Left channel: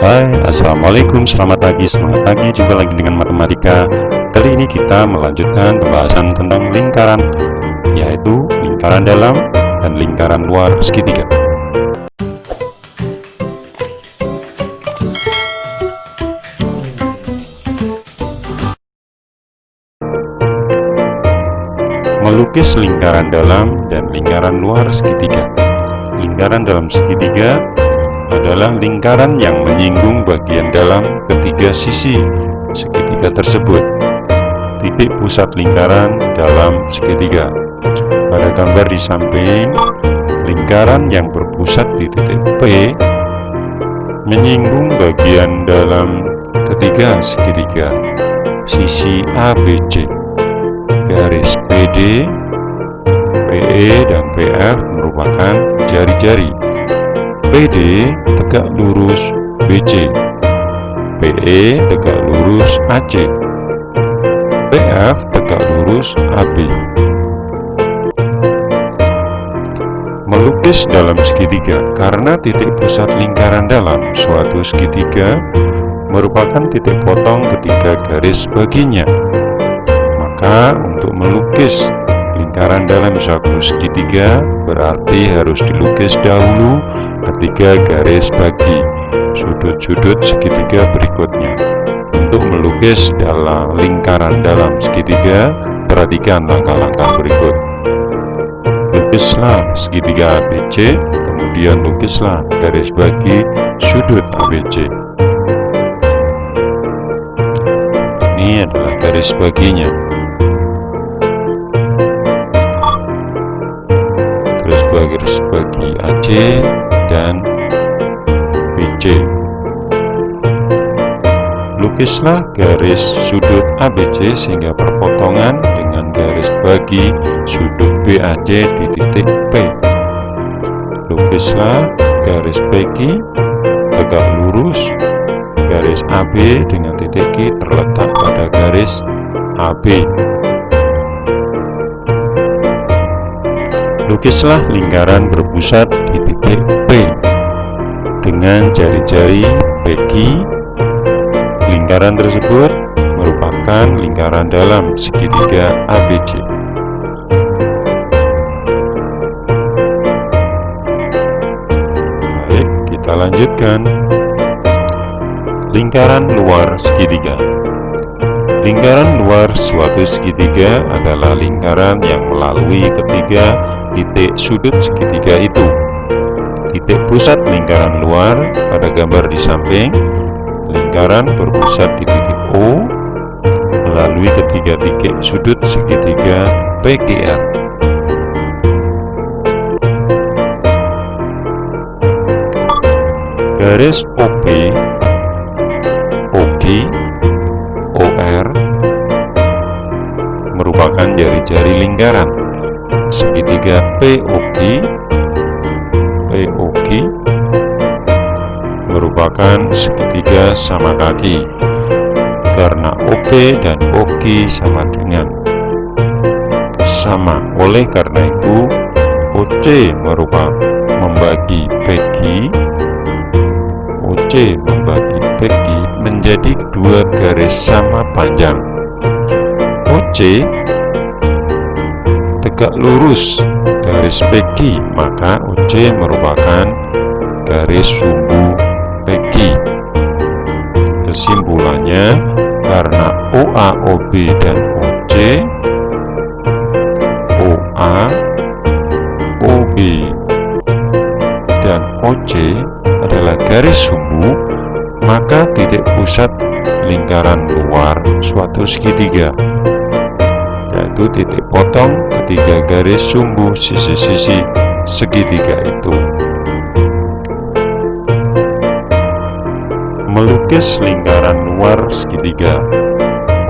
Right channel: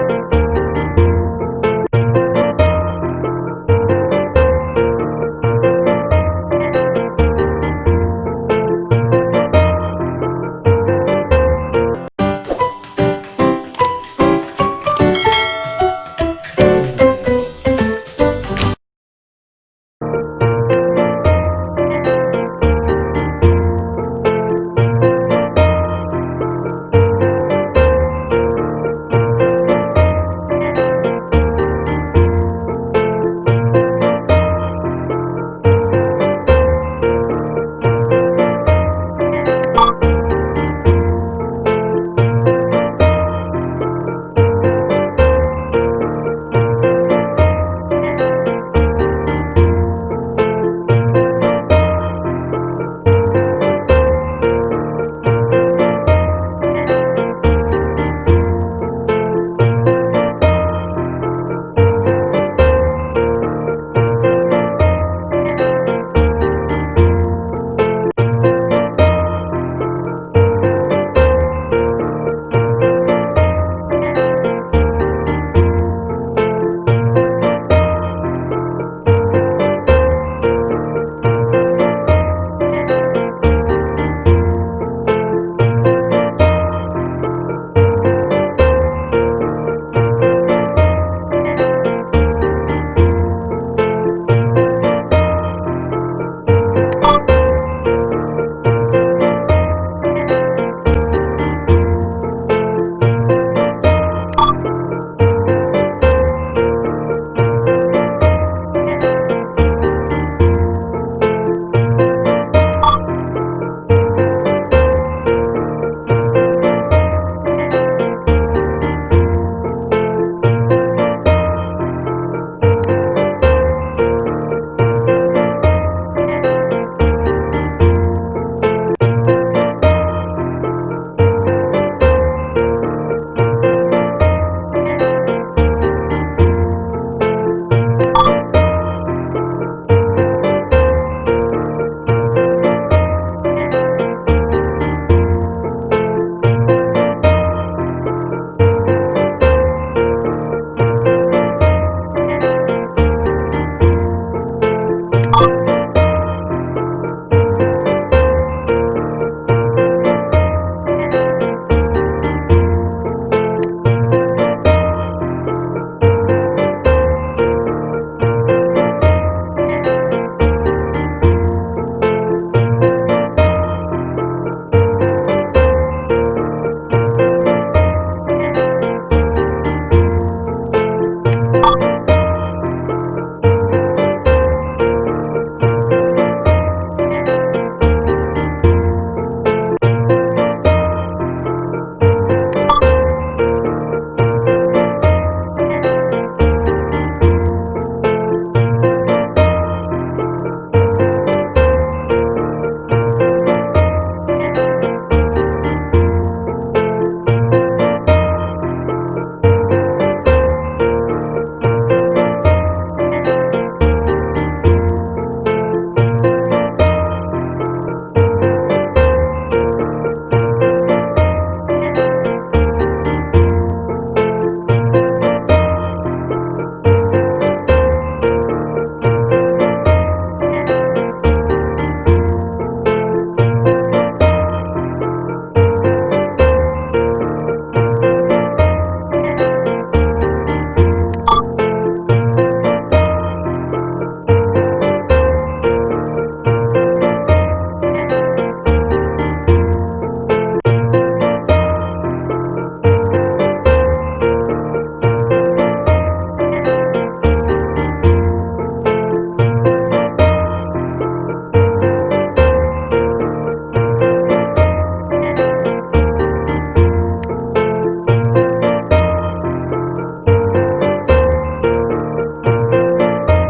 Hai, Assalamualaikum, selamat pagi, semangat pagi, jumpa lagi dengan matematika. Kali ini kita melanjutkan pembahasan tentang lingkaran, yaitu lingkaran dalam dan lingkaran luar segitiga. Melukis lingkaran dalam dan lingkaran luar segitiga. Lingkaran dalam segitiga adalah lingkaran yang menyinggung bagian dalam ketiga sisi segitiga tersebut. Titik pusat lingkaran dalam segitiga. Pada gambar di samping, lingkaran yang berpusat di titik P menyinggung bagian dalam ketiga segitiga sisi ABC. Garis PD, PE, dan PF merupakan jari-jari. PD tegak lurus BC, PE tegak lurus AC, PF tegak lurus AB. Melukis dalam segitiga. Karena titik pusat lingkaran dalam suatu segitiga merupakan titik potong ketiga garis baginya, maka untuk melukis lingkaran dalam suatu segitiga berarti harus dilukis dahulu ketiga garis bagi sudut-sudut segitiga berikutnya. Untuk melukis dalam lingkaran dalam segitiga, perhatikan langkah-langkah berikut. Lukislah segitiga ABC, kemudian lukislah garis bagi sudut ABC. Ini adalah garis baginya. Terus garis bagi AC dan BC. Lukislah garis sudut ABC sehingga perpotongan dengan garis bagi sudut BAC di titik P. Lukislah garis bagi tegak lurus garis AB dengan titik Q terletak pada garis AB. Lukislah lingkaran berpusat di titik P dengan jari-jari PQ. Lingkaran tersebut merupakan lingkaran dalam segitiga ABC. Baik, kita lanjutkan. Lingkaran luar segitiga. Lingkaran luar suatu segitiga adalah lingkaran yang melalui ketiga titik sudut segitiga itu. Titik pusat lingkaran luar pada gambar di samping, lingkaran berpusat di titik O melalui ketiga titik sudut segitiga PQR. Garis OP, OQ, OR merupakan jari-jari lingkaran. Segitiga POQ merupakan segitiga sama kaki karena OP dan OQ sama dengan sama. Oleh karena itu OC merupakan membagi PQ, OC membagi PQ menjadi dua garis sama panjang. OC tegak lurus garis PQ, maka OC merupakan garis sumbu PQ. Kesimpulannya, karena OA, OB, dan OC, OA, OB, dan OC adalah garis sumbu, maka titik pusat lingkaran luar suatu segitiga, yaitu titik potong ketiga garis sumbu sisi-sisi segitiga itu. Melukis lingkaran luar segitiga.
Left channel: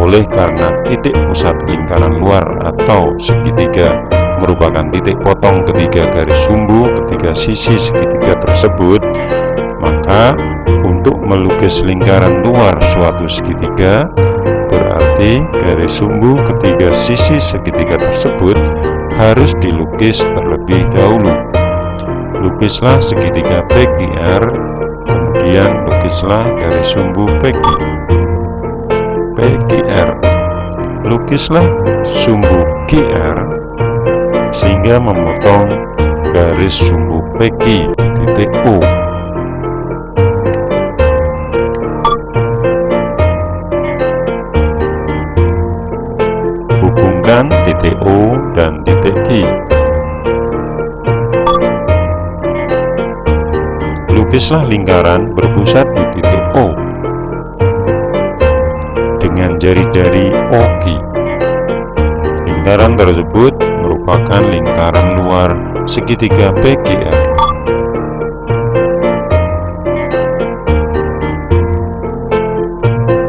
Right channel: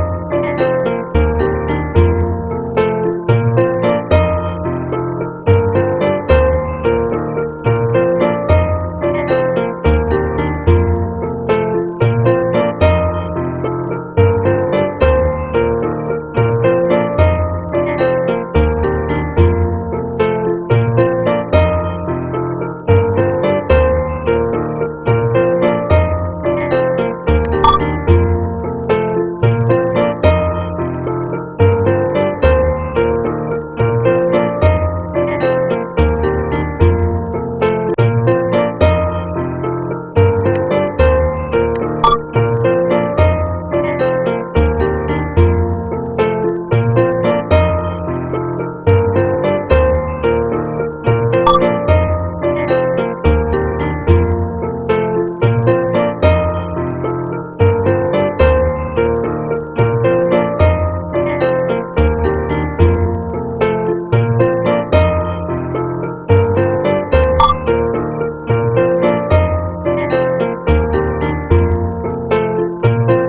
Oleh karena titik pusat lingkaran luar atau segitiga merupakan titik potong ketiga garis sumbu ketiga sisi segitiga tersebut, maka untuk melukis lingkaran luar suatu segitiga berarti garis sumbu ketiga sisi segitiga tersebut harus dilukis terlebih dahulu. Lukislah segitiga PQR, kemudian lukis lukislah garis sumbu PQR. Lukislah sumbu QR sehingga memotong garis sumbu PQ titik O. Hubungkan titik O dan titik Q. Lukislah lingkaran berpusat di titik O dengan jari-jari OQ. Lingkaran tersebut merupakan lingkaran luar segitiga PQR.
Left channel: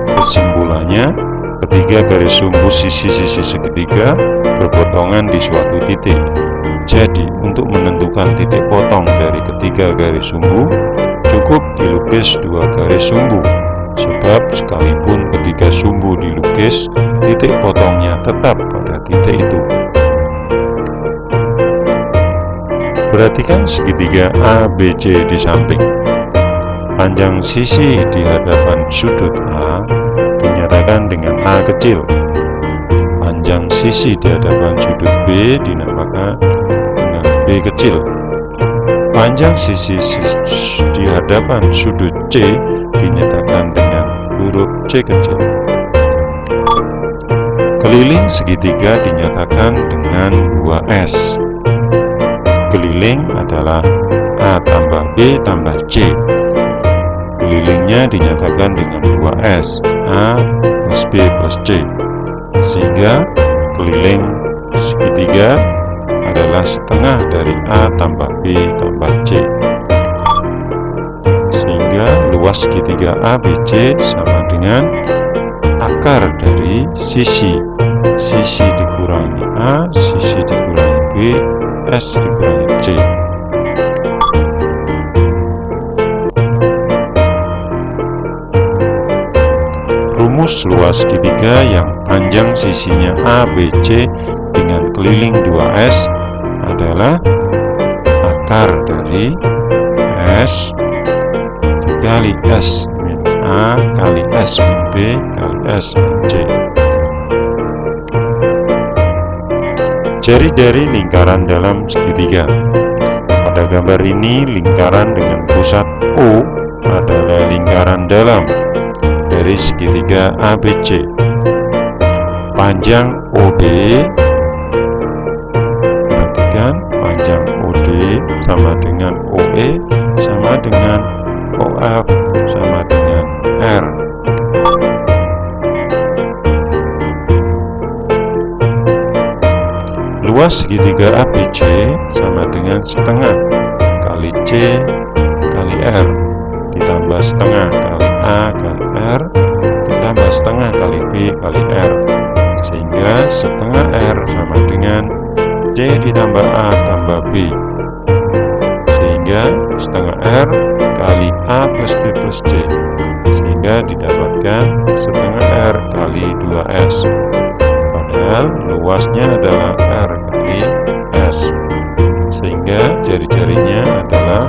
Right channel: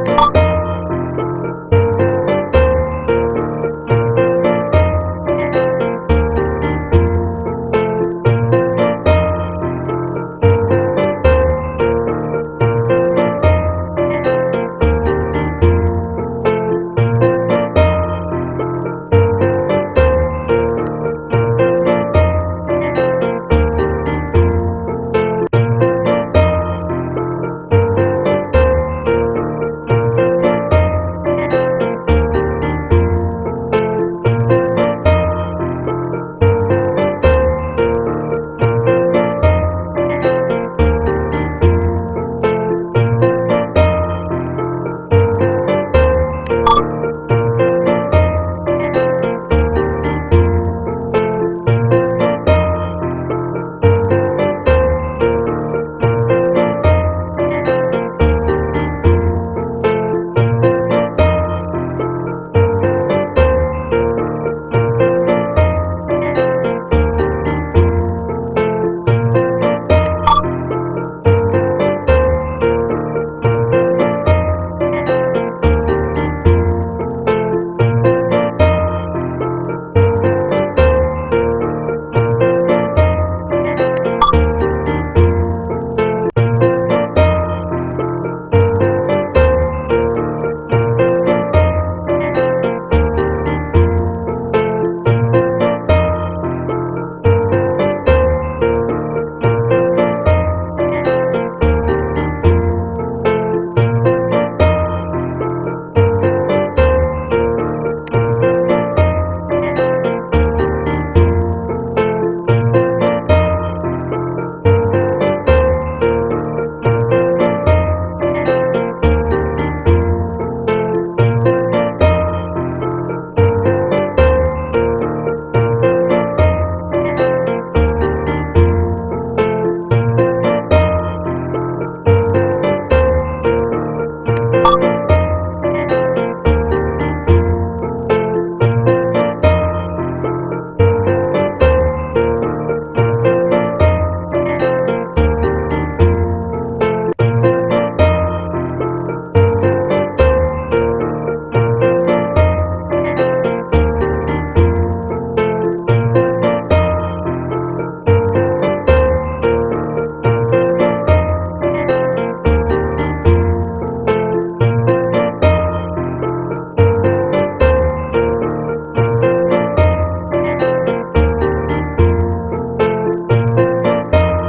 Kesimpulannya, ketiga garis sumbu sisi-sisi segitiga berpotongan di suatu titik. Jadi, untuk menentukan titik potong dari ketiga garis sumbu, cukup dilukis dua garis sumbu. Sebab sekalipun ketiga sumbu dilukis, titik potongnya tetap pada titik itu. Perhatikan segitiga ABC di samping. Panjang sisi di hadapan sudut A dinyatakan dengan A kecil. Panjang sisi di hadapan sudut B dinamakan dengan B kecil. Panjang sisi di hadapan sudut C dinyatakan dengan huruf C kecil. Keliling segitiga dinyatakan dengan 2S. Keliling adalah A tambah B tambah C. Kelilingnya dinyatakan dengan 2S, A plus B plus C. Sehingga keliling segitiga adalah setengah dari A tambah B tambah C. Sehingga luas segitiga ABC sama dengan akar dari sisi dikurangi A, sisi dikurangi B, S dikurangi C. Rumus luas segitiga yang panjang sisinya ABC dengan keliling 2S adalah akar dari S dikali S min A kali S min B kali S min C. Jari-jari lingkaran dalam segitiga. Pada gambar ini, lingkaran dengan pusat O adalah lingkaran dalam dari segitiga ABC. Panjang OD, perhatikan, panjang OD sama dengan OE sama dengan OF sama dengan R. Luas segitiga ABC sama dengan setengah kali C kali R ditambah setengah kali A kali R ditambah setengah kali B kali R, sehingga setengah R sama dengan C ditambah A tambah B, sehingga setengah R kali A plus B plus C, sehingga didapatkan setengah R kali 2S. Padahal luasnya adalah R kali S, sehingga jari-jarinya adalah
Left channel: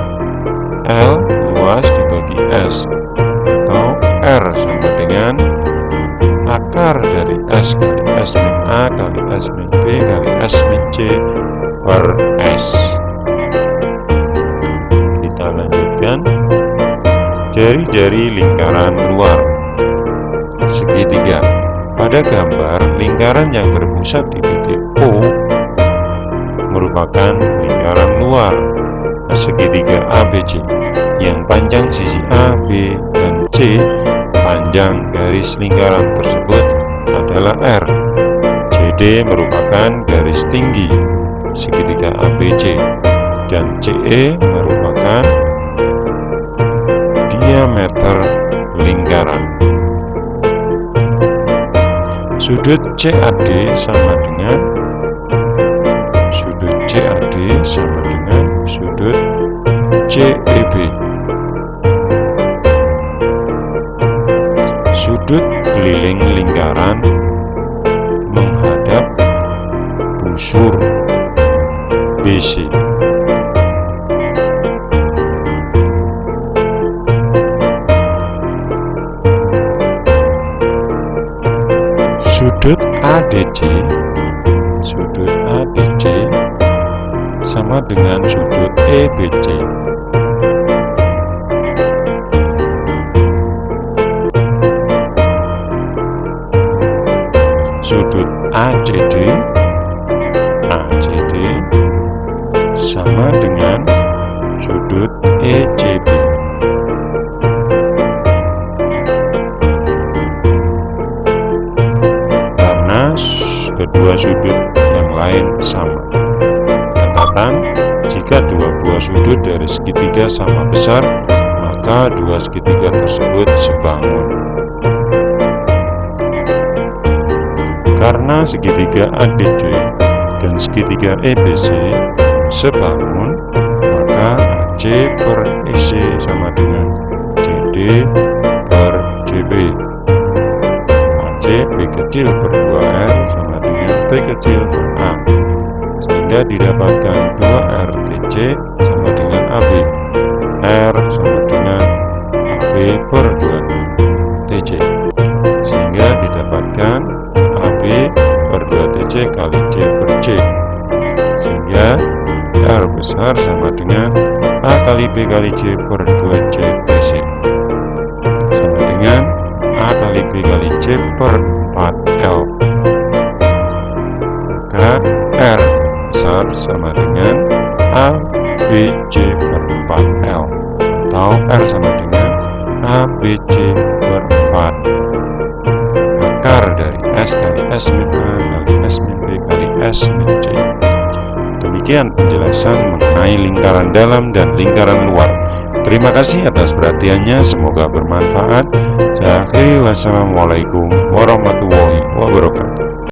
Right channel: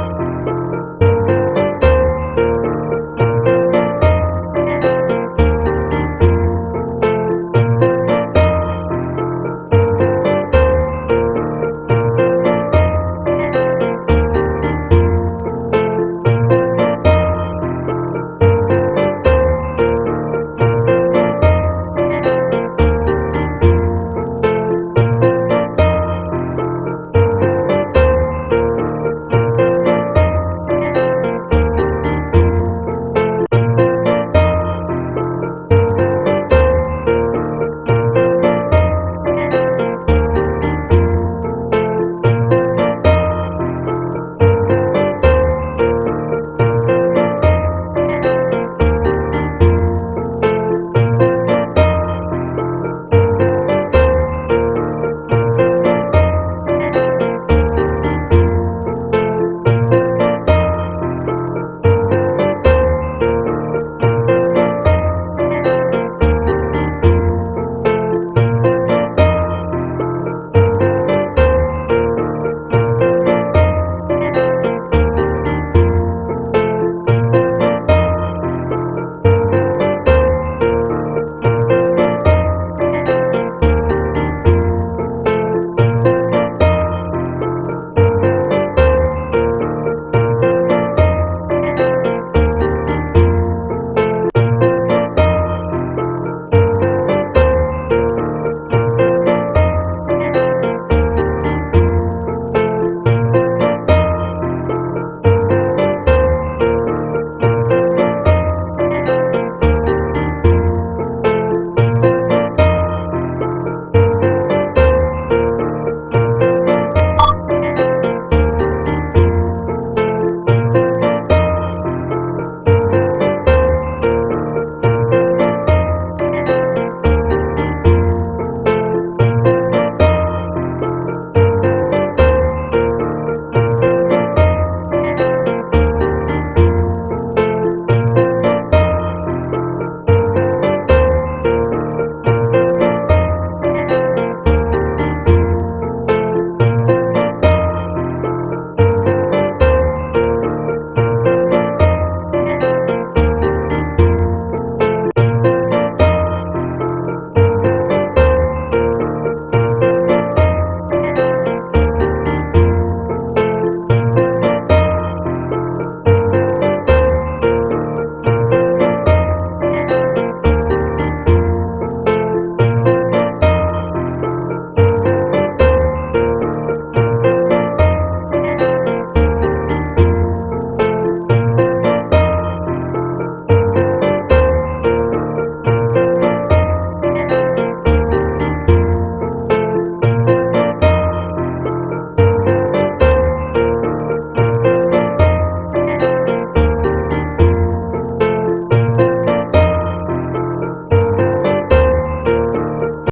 L luas dibagi S, atau R sama dengan akar dari S kali S min A kali S min B kali S min C per S. Kita lanjutkan. Jari-jari lingkaran luar segitiga. Pada gambar, lingkaran yang berpusat di titik O merupakan lingkaran luar segitiga ABC yang panjang sisi A, B, dan C. Panjang garis lingkaran tersebut adalah R. CD merupakan garis tinggi segitiga ABC dan CE merupakan diameter lingkaran. Sudut CAD sama dengan sudut CEB. Sudut keliling lingkaran menghadap busur BC. sudut ADC sama dengan sudut EBC. Sudut ACD sama dengan sudut ECB. Karena kedua sudut yang lain sama. Catatan, jika dua buah sudut dari segitiga sama besar, maka dua segitiga tersebut sebangun. Karena segitiga ADC dan segitiga EBC sebangun, maka AC per EC sama dengan CD per CB. AC B kecil per 2R sama dengan T kecil per A, sehingga didapatkan 2R TC sama dengan AB. R sama dengan AB per 2 TC, sehingga didapatkan AB per 2 TC kali C per C, sehingga R besar sama dengan A kali B kali C per 2C TC, sama dengan A kali B kali C per 4L. Maka R besar sama dengan A B C per 4L, atau R sama dengan A B C per 4. Akar dari S kali S min A kali S min B kali S min C. Demikian penjelasan mengenai lingkaran dalam dan lingkaran luar. Terima kasih atas perhatiannya, semoga bermanfaat. Saya akhiri, wassalamualaikum warahmatullahi wabarakatuh.